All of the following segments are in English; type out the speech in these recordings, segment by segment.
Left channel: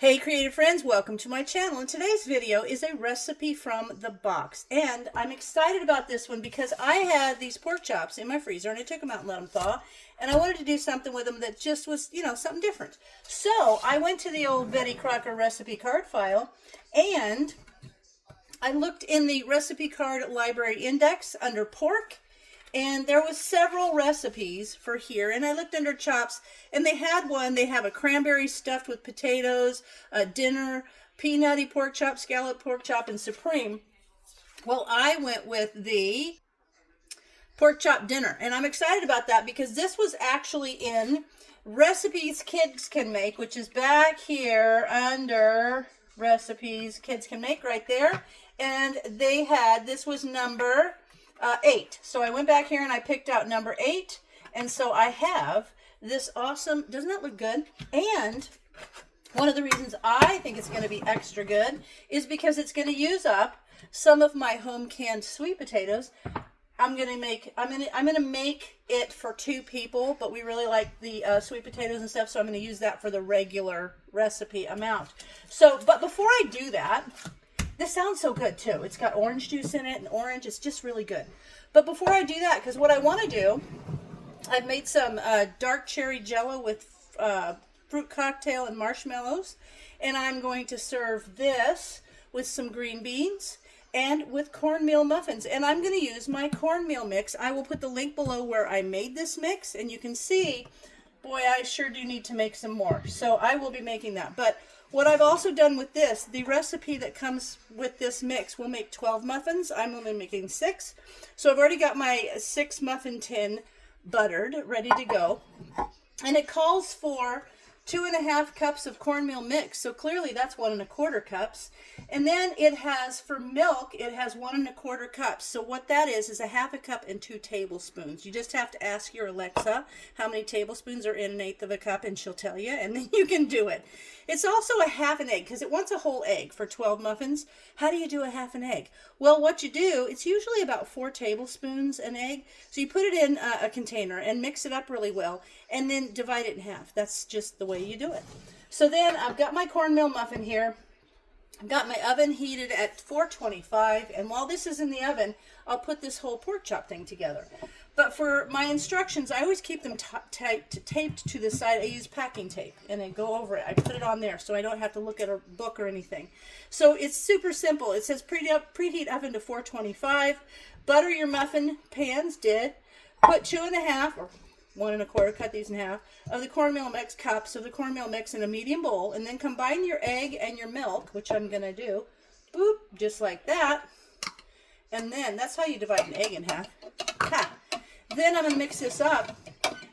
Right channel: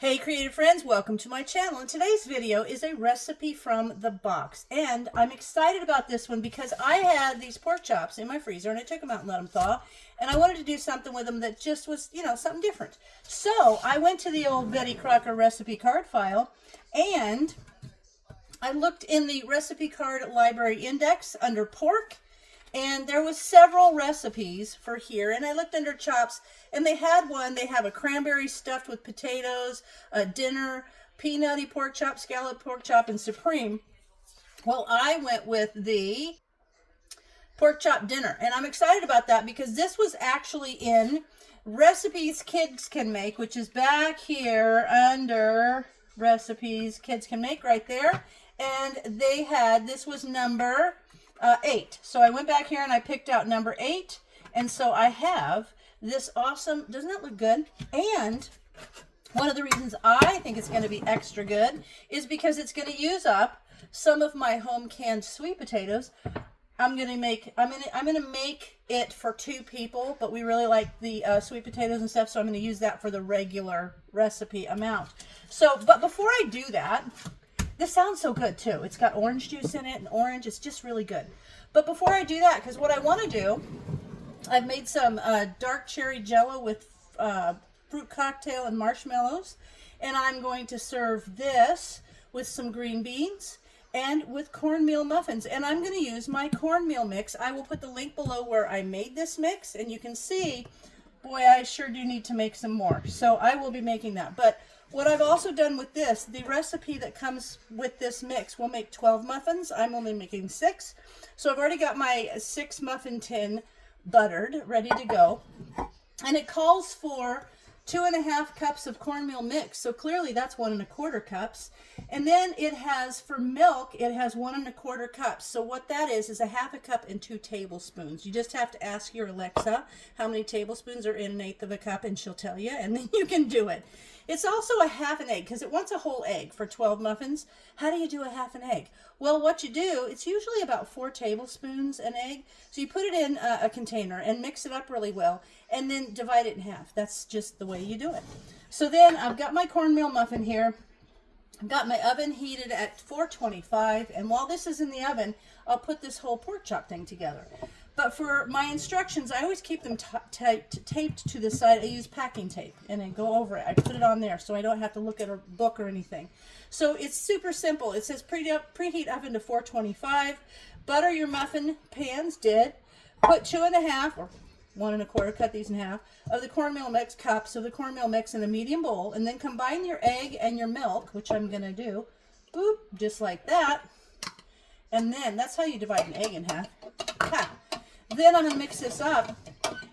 Hey creative friends, welcome to my channel, and today's video is a recipe from the box. And I'm excited about this one because I had these pork chops in my freezer and I took them out and let them thaw, and I wanted to do something with them that just was, something different. So I went to the old Betty Crocker recipe card file and I looked in the recipe card library index under pork, and there was several recipes for here, and I looked under chops, and they had one. They have a cranberry stuffed with potatoes, a dinner, peanutty pork chop, scallop pork chop, and supreme. Well, I went with the pork chop dinner, and I'm excited about that because this was actually in recipes kids can make, which is back here under recipes kids can make right there. And they had, this was number 8. So I went back here and I picked out number 8. And so I have this awesome, doesn't it look good? And one of the reasons I think it's going to be extra good is because it's going to use up some of my home canned sweet potatoes. I'm going to make it for 2 people, but we really like the sweet potatoes and stuff, so I'm going to use that for the regular recipe amount. So, but before I do that, this sounds so good too. It's got orange juice in it and orange. It's just really good. But before I do that, because what I want to do, I've made some dark cherry jello with fruit cocktail and marshmallows. And I'm going to serve this with some green beans and with cornmeal muffins. And I'm going to use my cornmeal mix. I will put the link below where I made this mix. And you can see, boy, I sure do need to make some more. So I will be making that. But what I've also done with this, the recipe that comes with this mix will make 12 muffins. I'm only making 6. So I've already got my 6 muffin tin buttered, ready to go. And it calls for 2.5 cups of cornmeal mix. So clearly that's 1 1/4 cups. And then it has, for milk, it has 1 1/4 cups. So what that is 1/2 cup and 2 tablespoons. You just have to ask your Alexa how many tablespoons are in 1/8 of a cup, and she'll tell you, and then you can do it. It's also a half an egg because it wants a whole egg for 12 muffins. How do you do a half an egg? Well, what you do, it's usually about 4 tablespoons an egg. So you put it in a container and mix it up really well and then divide it in half. That's just the way you do it. So then I've got my cornmeal muffin here. I've got my oven heated at 425, and while this is in the oven, I'll put this whole pork chop thing together. But for my instructions, I always keep them taped to the side. I use packing tape, and I go over it. I put it on there so I don't have to look at a book or anything. So it's super simple. It says preheat oven to 425. Butter your muffin pans, Put 2.5 or 1 1/4, cut these in half, of the cornmeal mix, cups of the cornmeal mix in a medium bowl, and then combine your egg and your milk, which I'm going to do, boop, just like that. And then that's how you divide an egg in half. Ha. Then I'm going to mix this up,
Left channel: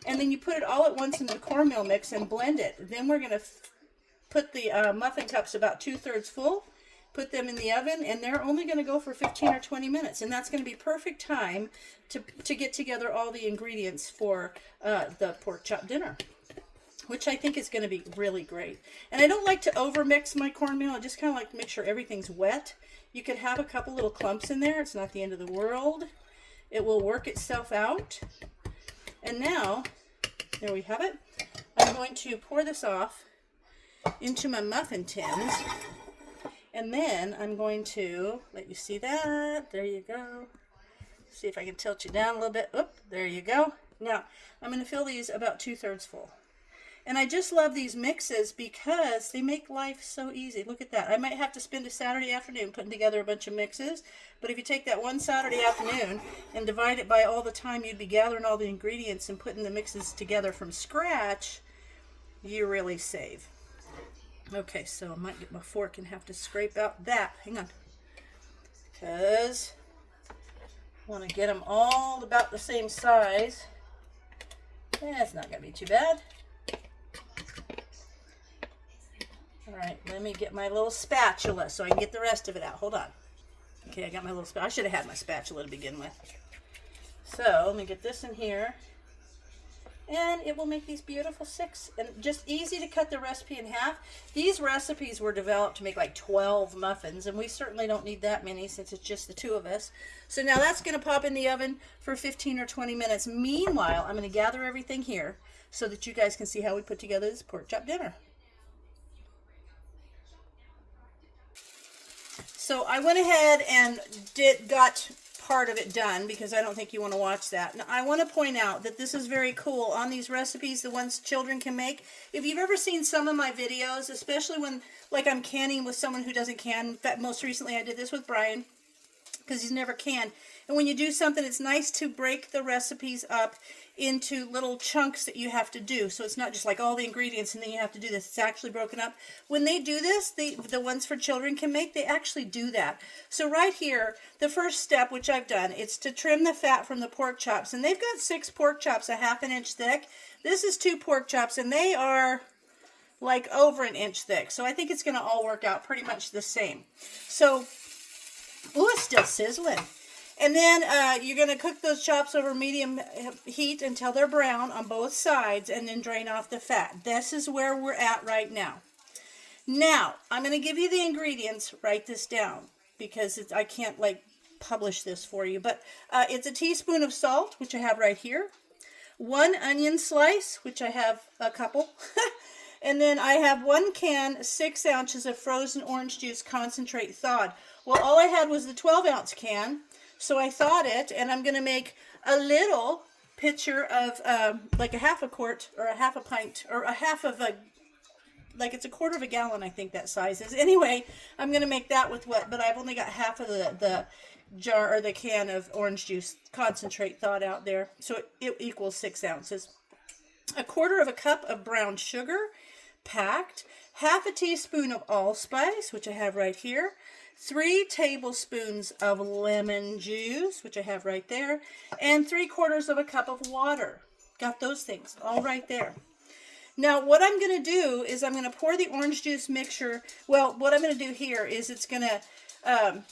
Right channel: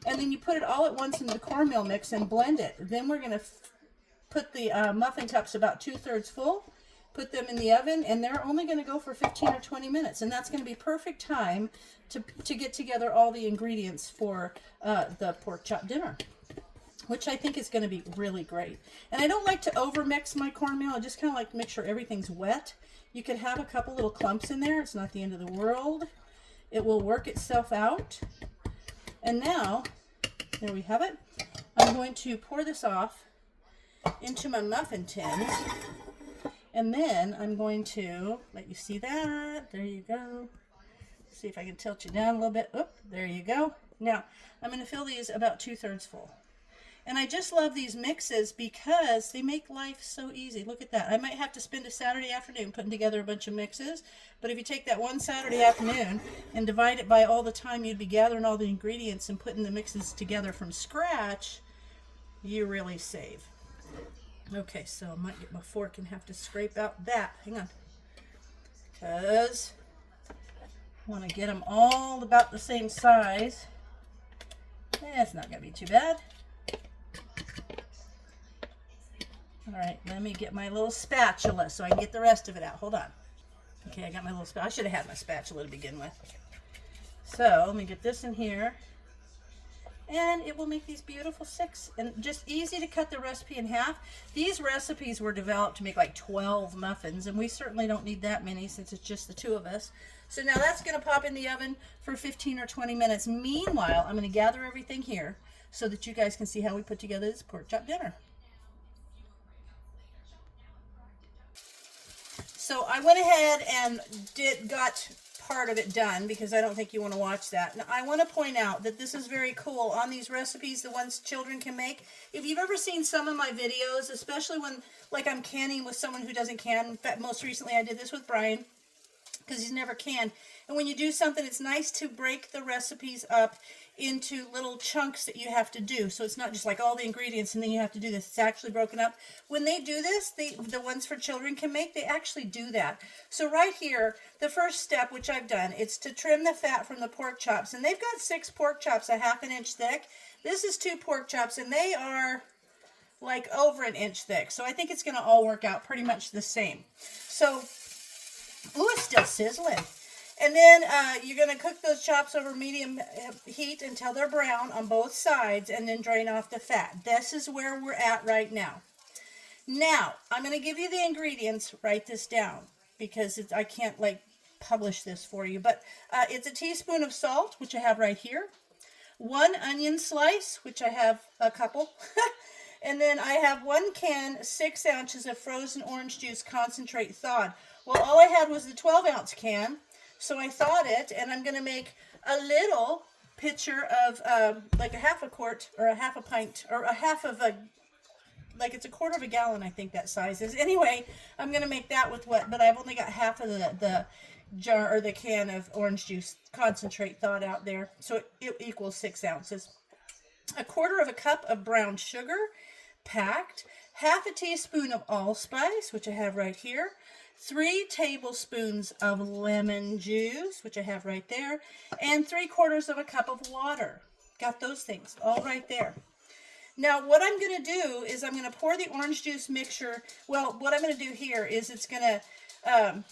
and then you put it all at once in the cornmeal mix and blend it. Then we're going to put the muffin cups about 2/3 full, put them in the oven, and they're only going to go for 15 or 20 minutes. And that's going to be perfect time to get together all the ingredients for the pork chop dinner, which I think is going to be really great. And I don't like to over mix my cornmeal. I just kind of like to make sure everything's wet. You could have a couple little clumps in there. It's not the end of the world. It will work itself out. And now, there we have it. I'm going to pour this off into my muffin tins. And then I'm going to let you see that. There you go. See if I can tilt you down a little bit. Oop, there you go. Now, I'm going to fill these about 2/3 full. And I just love these mixes because they make life so easy. Look at that. I might have to spend a Saturday afternoon putting together a bunch of mixes. But if you take that one Saturday afternoon and divide it by all the time you'd be gathering all the ingredients and putting the mixes together from scratch, you really save. Okay, so I might get my fork and have to scrape out that. Hang on. Because I want to get them all about the same size. It's not going to be too bad. All right, let me get my little spatula so I can get the rest of it out. Hold on. Okay, I got my little spatula. I should have had my spatula to begin with. So let me get this in here. And it will make these beautiful 6. And just easy to cut the recipe in half. These recipes were developed to make like 12 muffins, and we certainly don't need that many since it's just the 2 of us. So now that's going to pop in the oven for 15 or 20 minutes. Meanwhile, I'm going to gather everything here so that you guys can see how we put together this pork chop dinner. So I went ahead and got part of it done because I don't think you want to watch that. Now, I want to point out that this is very cool on these recipes, the ones children can make. If you've ever seen some of my videos, especially when like I'm canning with someone who doesn't can. In fact, most recently I did this with Brian because he's never canned. And when you do something, it's nice to break the recipes up into little chunks that you have to do. So it's not just like all the ingredients and then you have to do this. It's actually broken up. When they do this, the ones for children can make, they actually do that. So right here, the first step, which I've done, it's to trim the fat from the pork chops. And they've got 6 pork chops, 1/2 inch thick. This is 2 pork chops, and they are like over 1 inch thick. So I think it's going to all work out pretty much the same. So, ooh, it's still sizzling. And then you're going to cook those chops over medium heat until they're brown on both sides and then drain off the fat. This is where we're at right now. Now, I'm going to give you the ingredients. Write this down because I can't like publish this for you. But it's a teaspoon of salt, which I have right here. 1 onion slice, which I have a couple. And then I have 1 can, 6 ounces of frozen orange juice concentrate thawed. Well, all I had was the 12-ounce can. So I thawed it, and I'm going to make a little pitcher of like a 1/2 quart or a 1/2 pint or a 1/2 like it's a 1/4 gallon, I think that size is. Anyway, I'm going to make that with what, but I've only got half of the jar or the can of orange juice concentrate thawed out there. So it equals 6 ounces. 1/4 cup of brown sugar, packed. 1/2 teaspoon of allspice, which I have right here. 3 tablespoons of lemon juice, which I have right there, and 3/4 cup of water. Got those things all right there. Now, what I'm going to do is I'm going to pour the orange juice mixture. Well, what I'm going to do here is it's going to,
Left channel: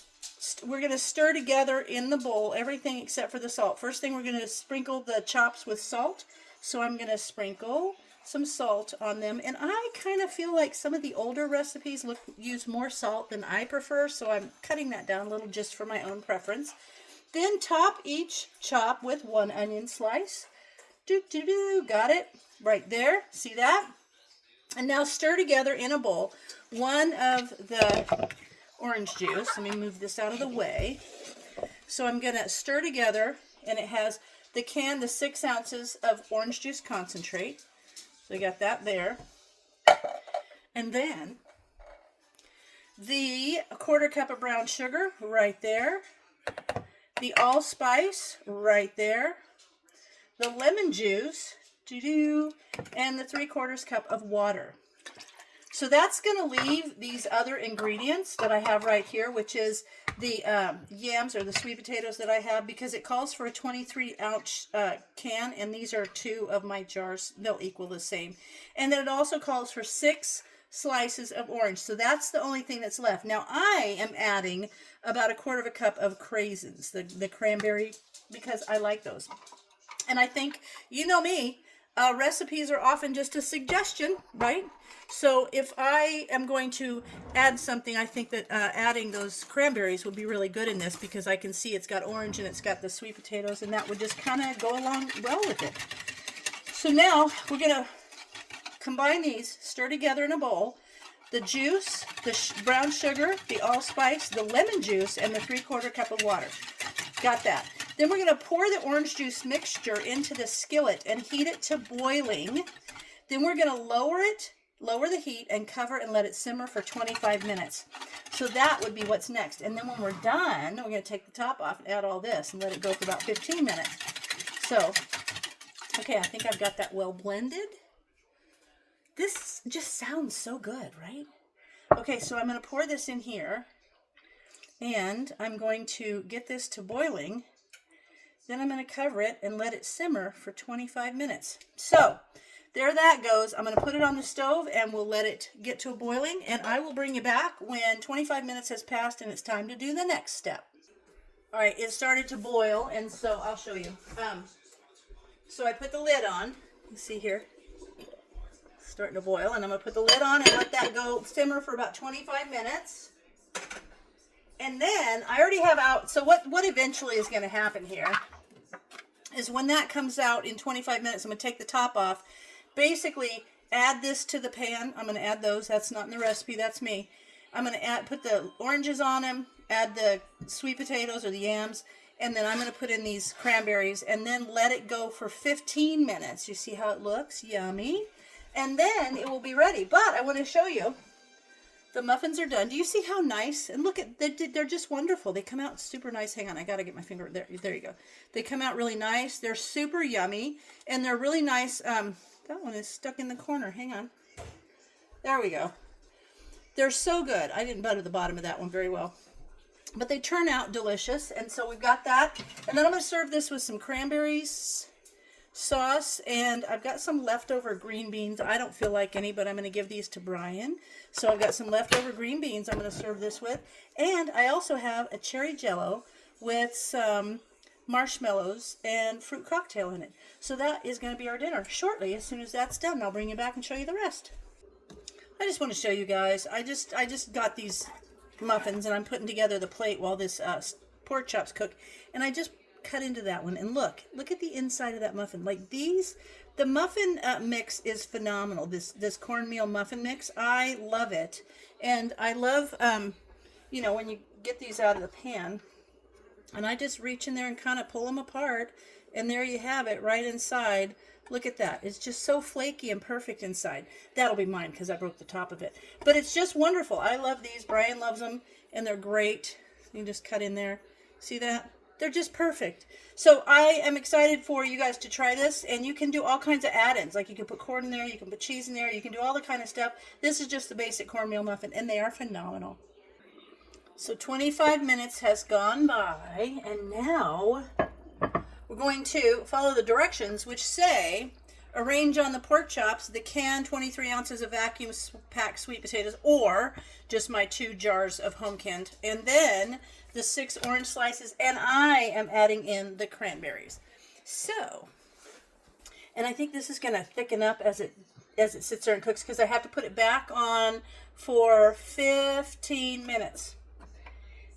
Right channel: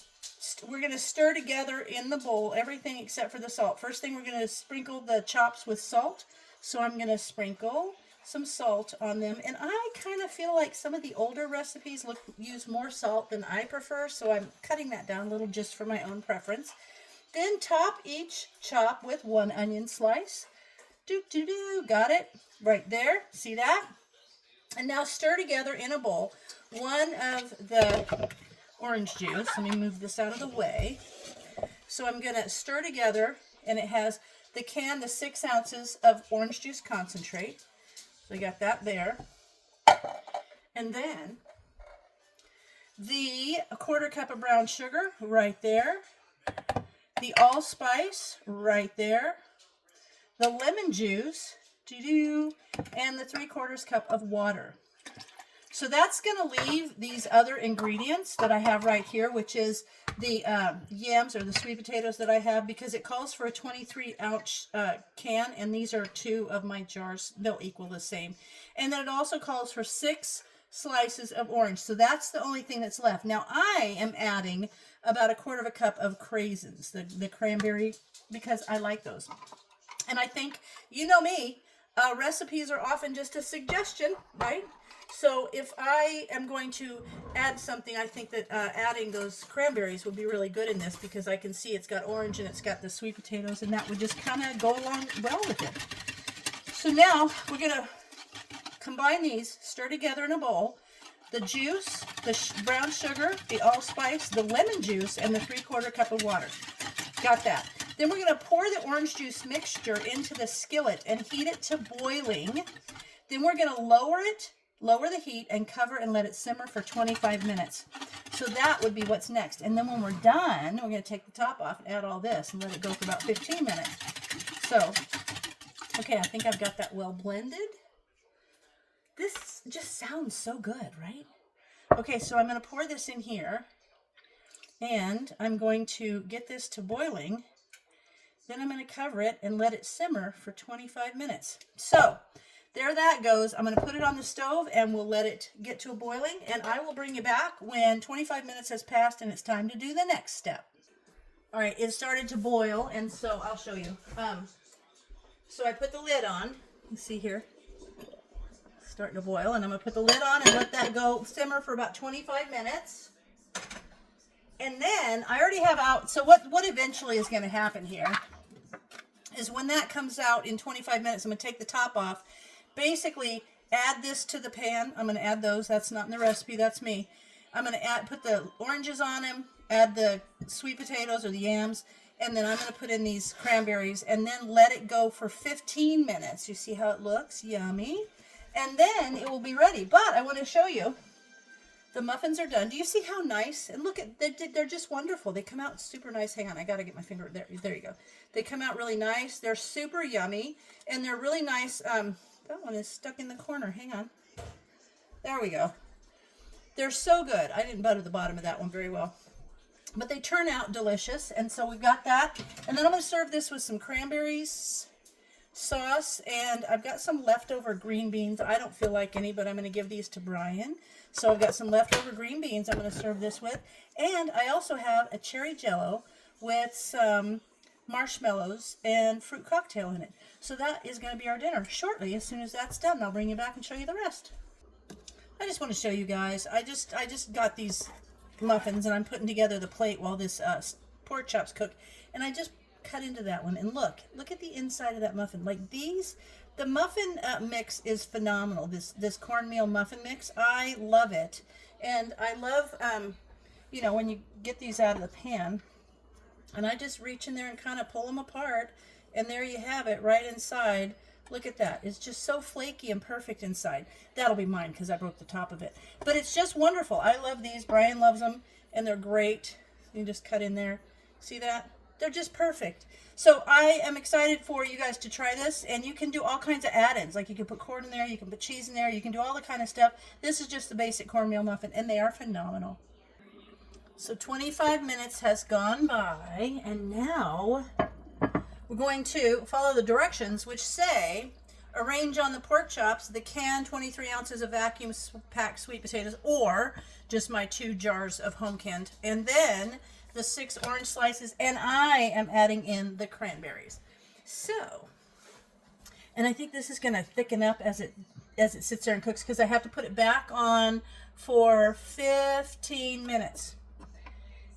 we're going to stir together in the bowl everything except for the salt. First thing, we're going to sprinkle the chops with salt. So I'm going to sprinkle some salt on them, and I kind of feel like some of the older recipes use more salt than I prefer, so I'm cutting that down a little just for my own preference. Then top each chop with 1 onion slice. Got it right there. See that? And now stir together in a bowl 1 of the orange juice. Let me move this out of the way. So I'm going to stir together, and it has the 6 ounces of orange juice concentrate. So I got that there. And then the 1/4 cup of brown sugar right there. The allspice right there. The lemon juice, and the 3/4 cup of water. So that's going to leave these other ingredients that I have right here, which is the yams or the sweet potatoes that I have, because it calls for a 23-ounce can, and these are 2 of my jars. They'll equal the same. And then it also calls for 6 slices of orange. So that's the only thing that's left. Now I am adding about 1/4 cup of craisins, the cranberry, because I like those. And I think, you know me, recipes are often just a suggestion, right? So if I am going to add something, I think that adding those cranberries would be really good in this, because I can see it's got orange and it's got the sweet potatoes, and that would just kind of go along well with it. So now we're going to combine these, stir together in a bowl, the juice, the brown sugar, the allspice, the lemon juice, and the 3/4 cup of water. Got that. Then we're going to pour the orange juice mixture into the skillet and heat it to boiling. Then we're going to lower the heat and cover and let it simmer for 25 minutes. So that would be what's next. And then when we're done, we're going to take the top off and add all this and let it go for about 15 minutes. So, okay, I think I've got that well blended. This just sounds so good, right? Okay, so I'm going to pour this in here, and I'm going to get this to boiling. Then I'm going to cover it and let it simmer for 25 minutes. So, there that goes. I'm going to put it on the stove, and we'll let it get to a boiling, and I will bring you back when 25 minutes has passed and it's time to do the next step. All right, it started to boil, and so I'll show you. So I put the lid on. You can see here, it's starting to boil, and I'm going to put the lid on and let that go simmer for about 25 minutes. And then I already have out, so what eventually is going to happen here is when that comes out in 25 minutes, I'm going to take the top off. Basically, add this to the pan. I'm going to add those. That's not in the recipe. That's me. I'm going to put the oranges on them, add the sweet potatoes or the yams, and then I'm going to put in these cranberries and then let it go for 15 minutes. You see how it looks? Yummy. And then it will be ready. But I want to show you, the muffins are done. Do you see how nice? And look, they're just wonderful. They come out super nice. Hang on, I got to get my finger. There you go. They come out really nice. They're super yummy. And they're really nice. That one is stuck in the corner. Hang on. There we go. They're so good. I didn't butter the bottom of that one very well. But they turn out delicious. And so we've got that. And then I'm going to serve this with some cranberries sauce. And I've got some leftover green beans. I don't feel like any, but I'm going to give these to Brian. So I've got some leftover green beans I'm going to serve this with. And I also have a cherry jello with some marshmallows and fruit cocktail in it. So that is going to be our dinner shortly. As soon as that's done, I'll bring you back and show you the rest. I just want to show you guys. I just got these muffins and I'm putting together the plate while this pork chops cook. And I just cut into that one. And look at the inside of that muffin. Like these, the muffin mix is phenomenal. This cornmeal muffin mix, I love it. And I love, you know, when you get these out of the pan, and I just reach in there and kind of pull them apart. And there you have it right inside. Look at that. It's just so flaky and perfect inside. That'll be mine because I broke the top of it. But it's just wonderful. I love these. Brian loves them. And they're great. You can just cut in there. See that? They're just perfect. So I am excited for you guys to try this. And you can do all kinds of add-ins. Like you can put corn in there. You can put cheese in there. You can do all the kind of stuff. This is just the basic cornmeal muffin. And they are phenomenal. So 25 minutes has gone by. And now we're going to follow the directions, which say arrange on the pork chops the canned 23 ounces of vacuum packed sweet potatoes, or just my 2 jars of home canned, and then the 6 orange slices, and I am adding in the cranberries. So, and I think this is going to thicken up as it sits there and cooks, because I have to put it back on for 15 minutes.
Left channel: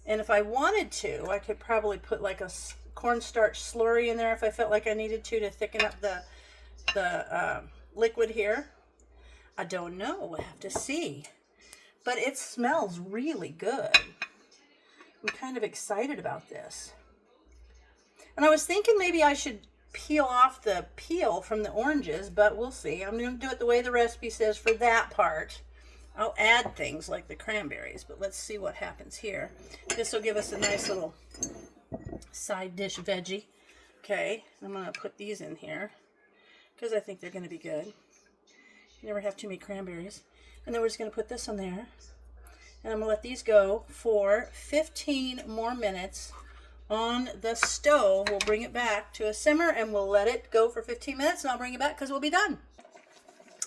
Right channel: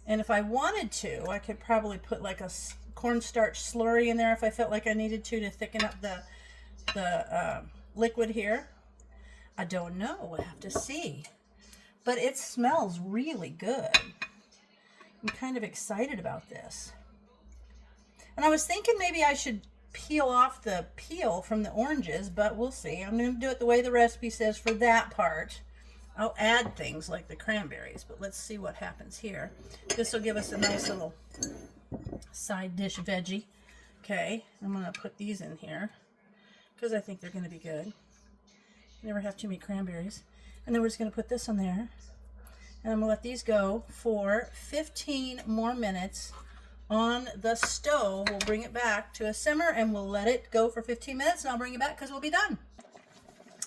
And if I wanted to, I could probably put like a cornstarch slurry in there if I felt like I needed to thicken up the liquid here. I don't know. We'll have to see. But it smells really good. I'm kind of excited about this. And I was thinking maybe I should peel off the peel from the oranges, but we'll see. I'm going to do it the way the recipe says for that part. I'll add things like the cranberries, but let's see what happens here. This will give us a nice little side dish veggie. Okay, I'm going to put these in here because I think they're going to be good. You never have too many cranberries. And then we're just going to put this on there. And I'm going to let these go for 15 more minutes on the stove. We'll bring it back to a simmer and we'll let it go for 15 minutes and I'll bring it back because we'll be done.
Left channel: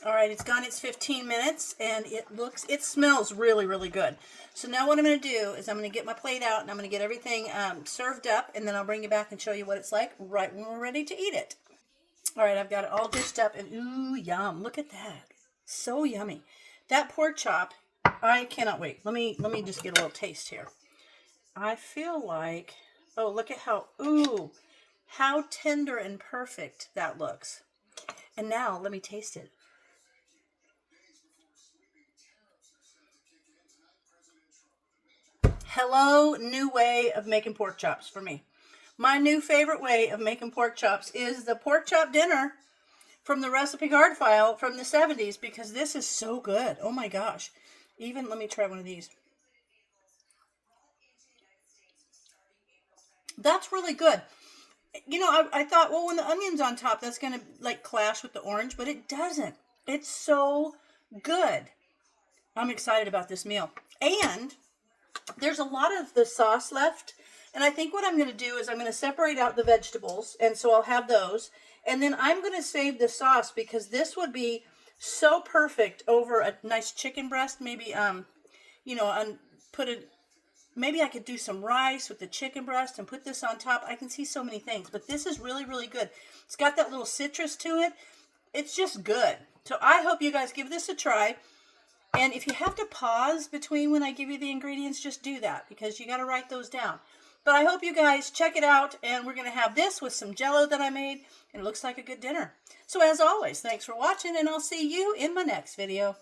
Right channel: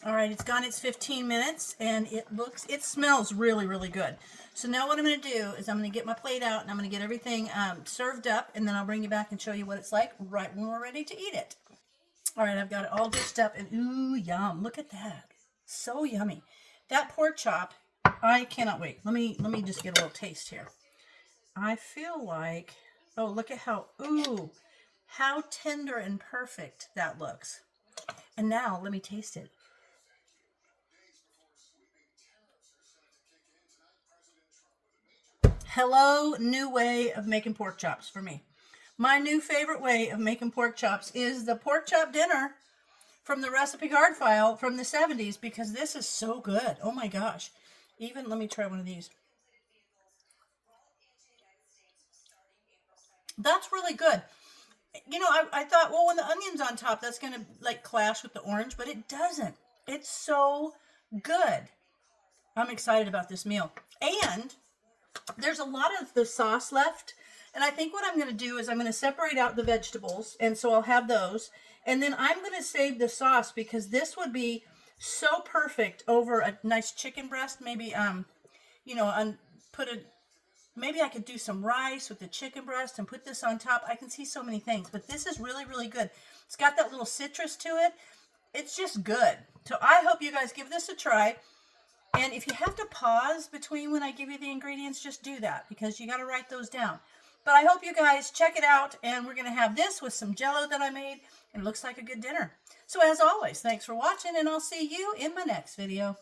All right, it's gone its 15 minutes and it smells really, really good. So now what I'm going to do is I'm going to get my plate out and I'm going to get everything served up, and then I'll bring you back and show you what it's like right when we're ready to eat it. All right, I've got it all dished up and ooh, yum. Look at that. So yummy. That pork chop, I cannot wait. Let me just get a little taste here. I feel like, oh, look at how tender and perfect that looks. And now let me taste it. Hello, new way of making pork chops for me. My new favorite way of making pork chops is the pork chop dinner from the recipe card file from the 70s, because this is so good. Oh my gosh. Even, let me try one of these. That's really good. You know, I thought, well, when the onion's on top, that's going to like clash with the orange, but it doesn't. It's so good. I'm excited about this meal. And there's a lot of the sauce left. And I think what I'm going to do is I'm going to separate out the vegetables. And so I'll have those. And then I'm going to save the sauce because this would be so perfect over a nice chicken breast. Maybe, you know, maybe I could do some rice with the chicken breast and put this on top. I can see so many things. But this is really, really good. It's got that little citrus to it. It's just good. So I hope you guys give this a try. And if you have to pause between when I give you the ingredients, just do that because you got to write those down. But I hope you guys check it out, and we're going to have this with some Jell-O that I made, and it looks like a good dinner. So as always, thanks for watching, and I'll see you in my next video.